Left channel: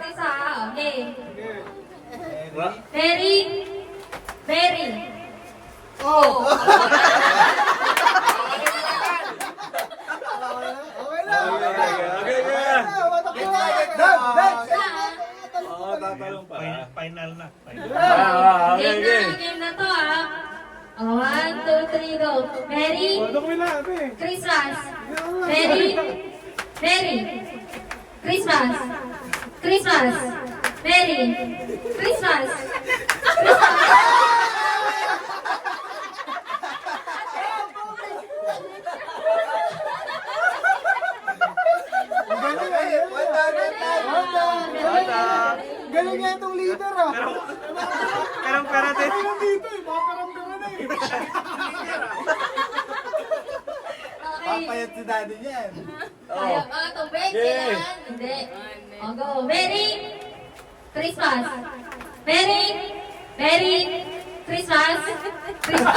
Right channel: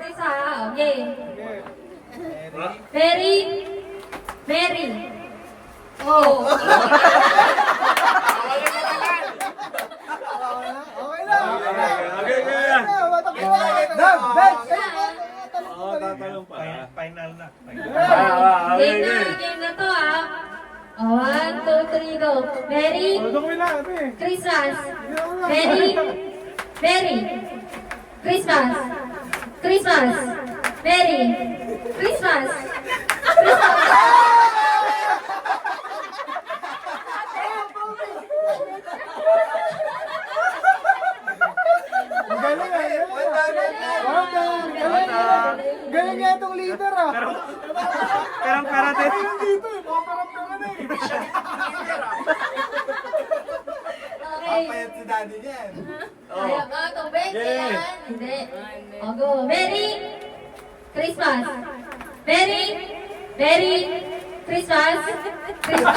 practice ha. Okay. Very, very. Oh. Okay lang. Tatalong pa. Final na. Game na to ha. 1, 2, 3, go. Merry Christmas. Merry Christmas. Christmas. Merry Christmas. Galing nga itong leader ah. Perang pera din. Dito eh, paparamdaman na eh. Okay. Papayat si daddy niyan. Ayaw ka, tubig. Kailangan. Hindi. O, go. Merry Christmas. Merry Christmas. Christmas.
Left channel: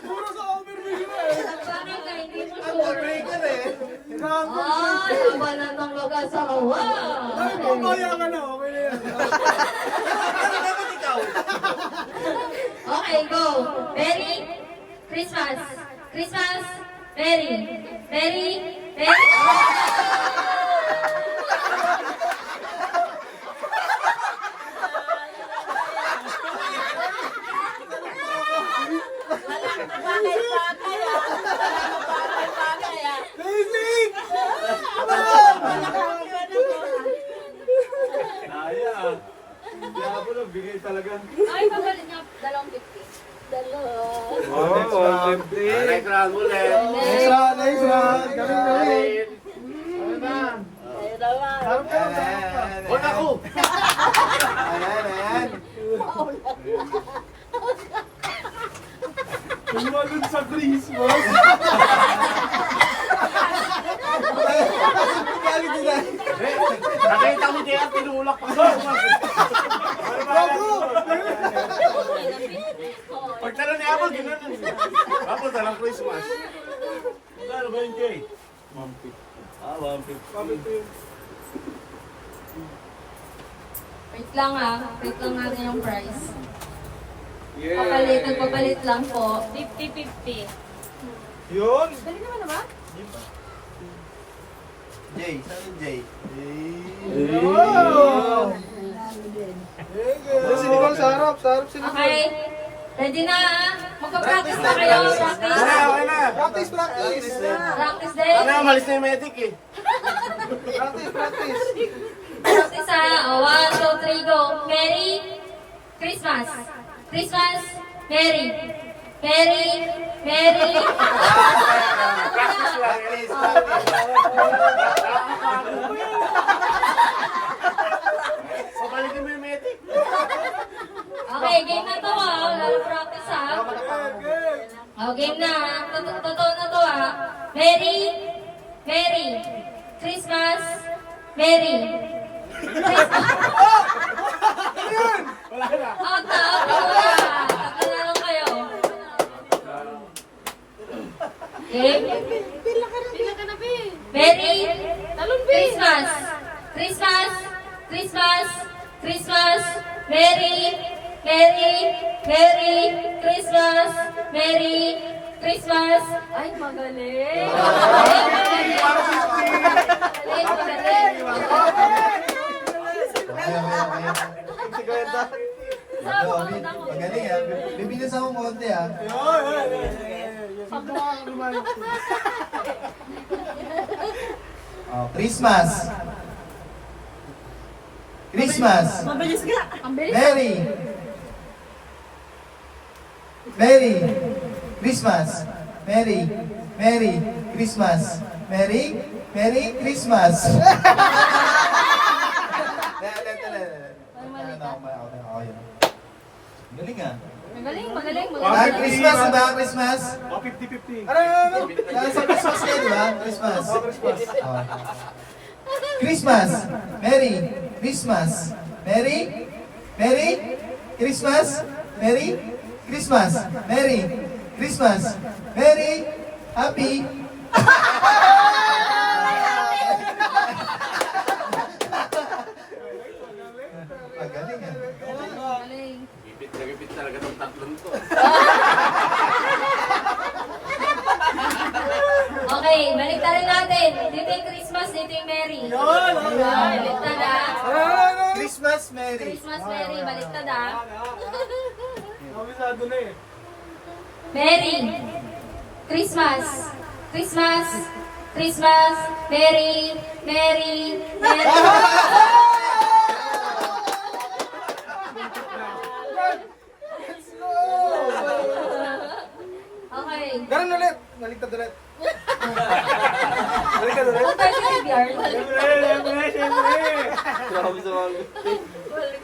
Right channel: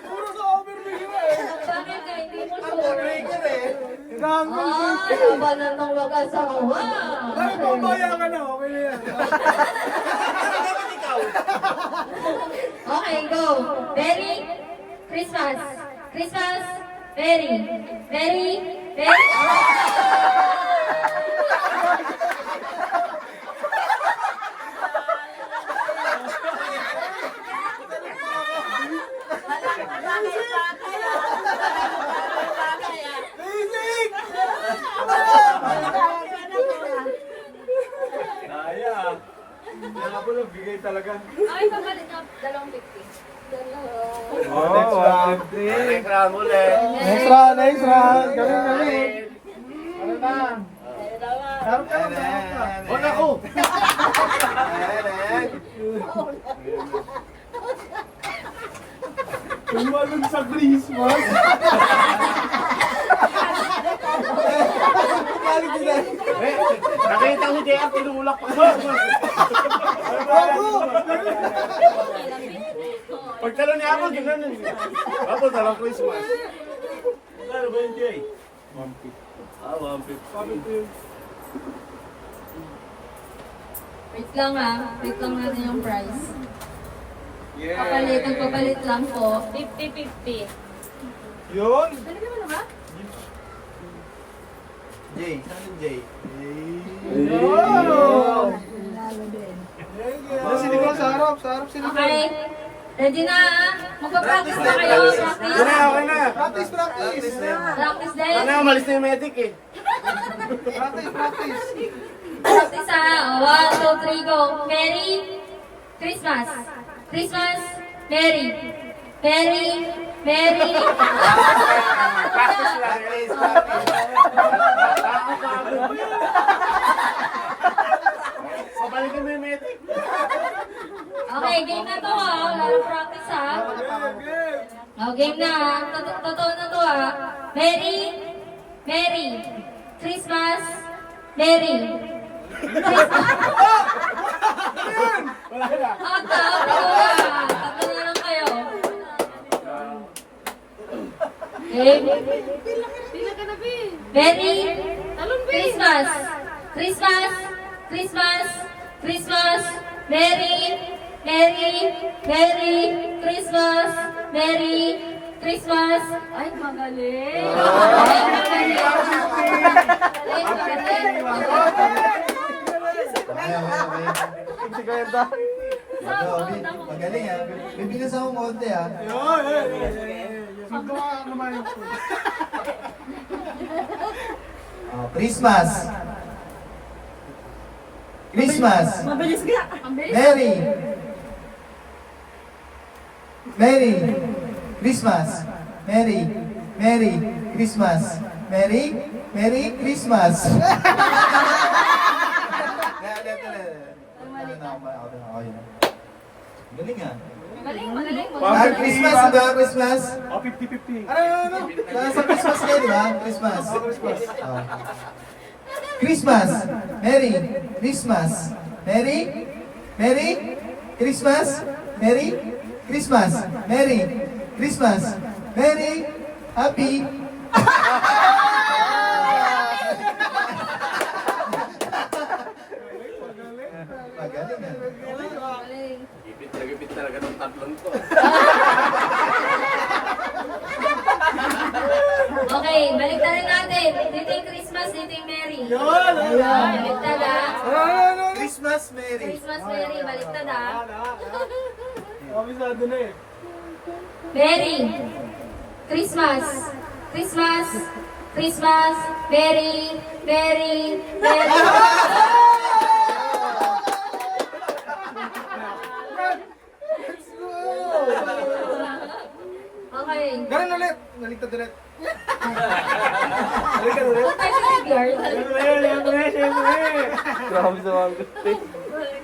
Puro sa overbigay na eh. Bakit ka hindi mo sure? Breaker eh. Inaangol ko. Labanan ng mag-asawa. Ay, pabaya ka na. Okay na yan. Okay, go. Merry Christmas. Christmas. Merry. Merry. Merry. Basic! Naya. Kaya po lang, bigay talaga. Ay, pabalik niyo. 250. Oh, 150. Next round ulit. Next round, next round. Galing, galing. Ano na? Harap ka lang, harap ka. Huwag ako! Tumalun sa Christmas. Nakita ko si JR, tinulak pa. Bago! Pagtala ni Apple, gano'n. Apple, talang Christmas. Ano ba yung Jay? 150. Ah, 150. Wait lang ha. Wait lang natin yung price. Papalit, nagpapalit lang po. 50-50. Yun. Dali naman ba? Jay, saan yung Jay? Wow! Sino ko sa harap? Sa harap sino ko? Okay. Ready na? Magpa-practice na kayo. Practice. Okay na. Practice, practice! Practice din. Ano, umalis na yung medic eh. Practice, practice! Practice ha. 1, 2, 3, go. Merry Christmas. Christmas. Merry. Merry. Merry. Practice lang. Pabalikin mo yung medic. Okay, game na to ha. Wala na practice ha. Oh, game na ha. Totoo na to ha. Merry. Merry. Christmas. Merry. Wala na. Tatlo na lang kayo. Game. Pila ka na, Bi. Merry Talon, Bi. Christmas. Christmas. Christmas. Christmas. Merry. Merry. Merry Christmas. Merry Christmas. Ay, magaling. Magaling. Si Gerda. Magaling ah. Bibilis ako konti ah. Oh, Christmas. Christmas. Mabilis ka. Merry. Merry. Christmas. Merry. Merry Christmas. Merry. Merry Christmas. Galing ah. Magaling, magaling. Ah, Christmas ba? Christmas? Oh, 50-50. Ano? Sa Christmas kayo, di ba? Christmas. Oh. Christmas. Merry Christmas. Merry. Merry Christmas. Merry Christmas. Merry Christmas. Merry Happy. Magaling eh. Galing. Nagipit talaga ng tatlong to. Okay, balik na rin natin. Dito yung Christmas, dito yung Merry. Yun! Balik na na. Christmas Merry. Christmas, Merry. Balik na na. Kabisado na eh. Merry. Christmas. Christmas. Christmas. Merry. Merry. Merry. Okay. Ganun ulit. Baliktad ulit. Balikan ulit. Competitive yard. Siyempre.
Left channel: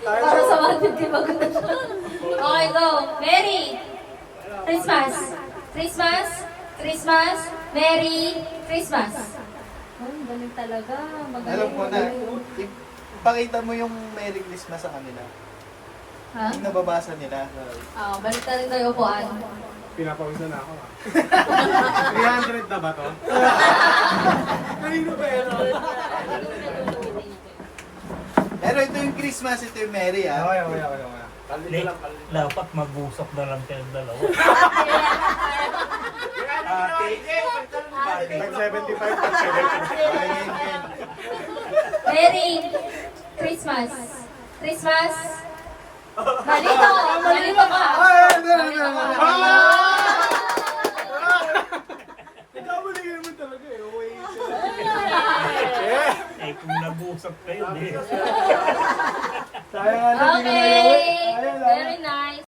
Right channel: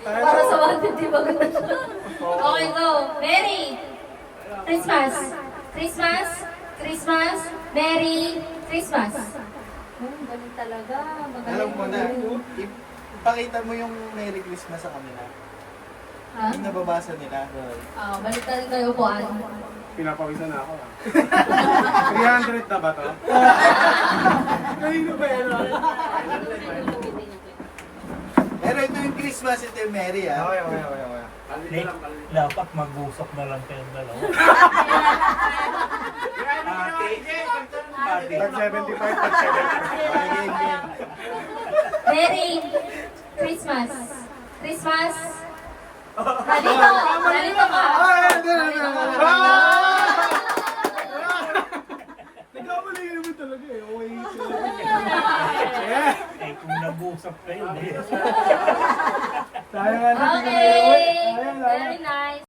Para sa 150 ba ganda siya? Okay, go. Merry. Christmas. Christmas. Christmas. Merry Christmas. Galing talaga. Alam mo na, Magaling. ipakita mo yung Merry Christmas sa kanila. Ha? Yung nababasa nila. Balik na rin kayo po. Pinapawisan na ako ah. 300 na ba to? Kanino ba yun? Pero ito yung Christmas, ito yung Merry ah. Okay. Dapat mag-usap na lang tayong dalawa. Tag 75, tag 75. Merry Christmas. Christmas. Malito. Malito ka. Nagkabaligan mo talaga eh. Okay. Eh kung nag-usap kayo, eh. Sayang nga na. Okay.